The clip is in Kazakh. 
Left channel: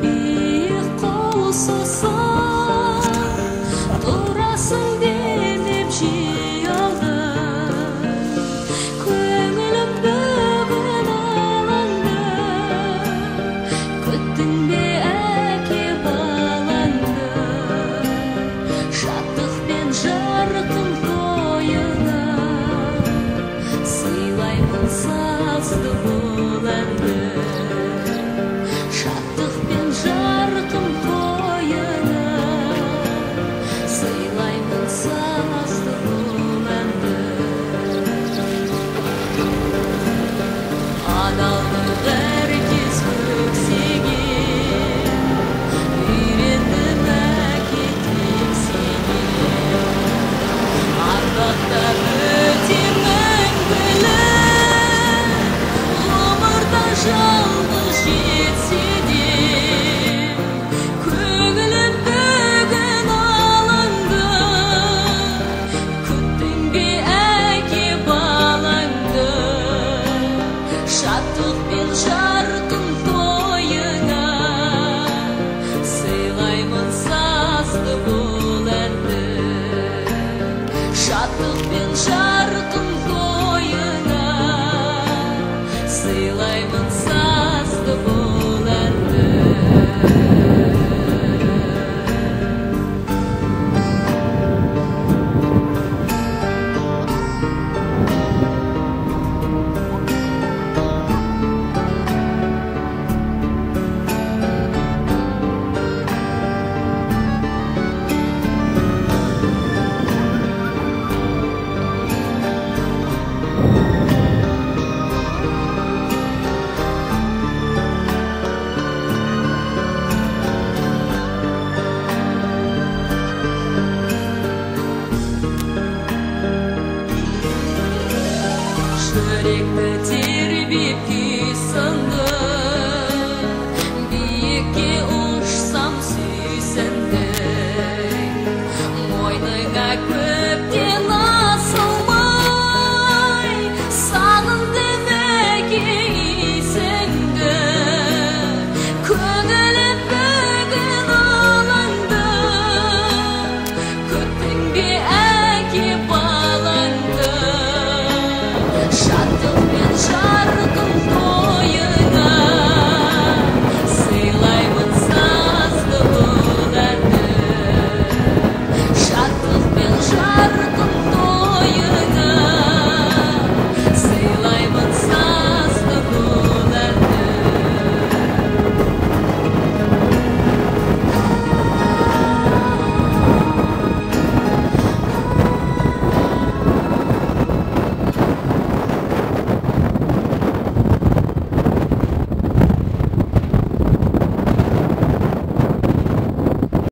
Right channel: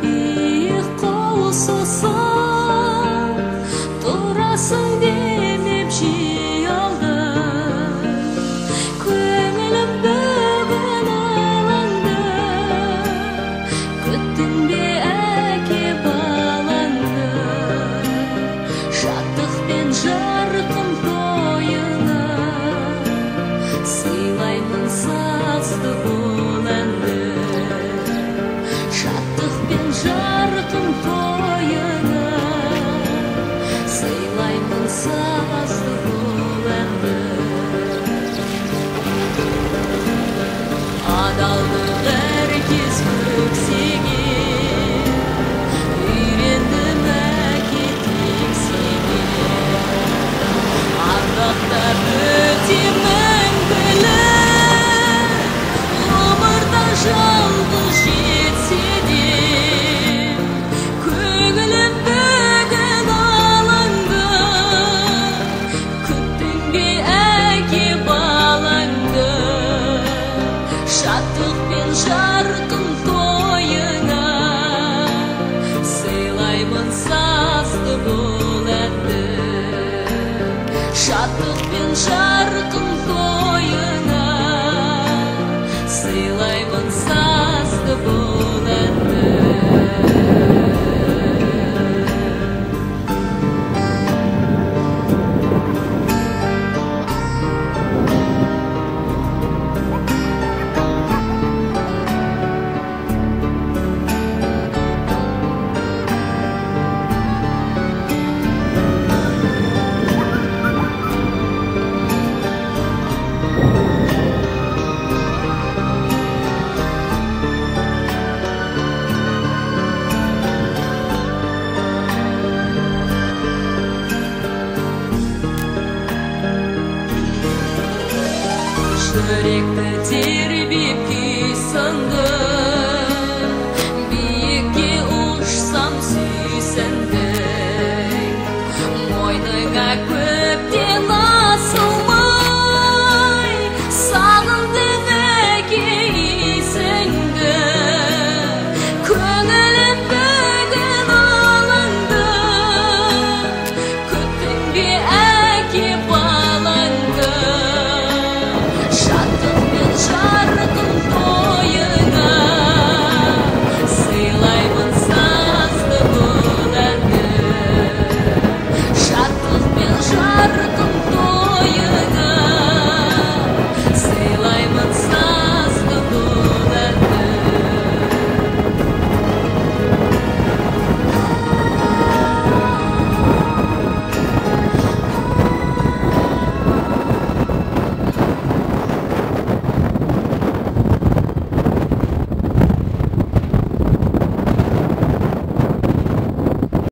биік қол созсаң, тұрасың демеп жей алдым. Көңілім бүгін алаңды, күттің бе әке балаңды? Шаттықпен жарқын тойыңа сыйлаймын сазды бұл әнді. Шаттықпен жарқын тойыңа сыйлаймын сазды бұл әнді. Адалдық әркез көксеген, үйрендім әке тексеген. Ардақтап өтем мәңгілік, ғұмырда жалғыз жетсе де. Көңілім бүгін алаңды, күттің бе әке балаңды? Шаттықпен жарқын тойыңа сыйлаймын сазды бұл әнді. Шаттықпен жарқын тойыңа сыйлаймын сазды бұл әнді. Жүректі тербеп күй сынды, биікке ұшсам сүйсіндің. Мойныңа көптен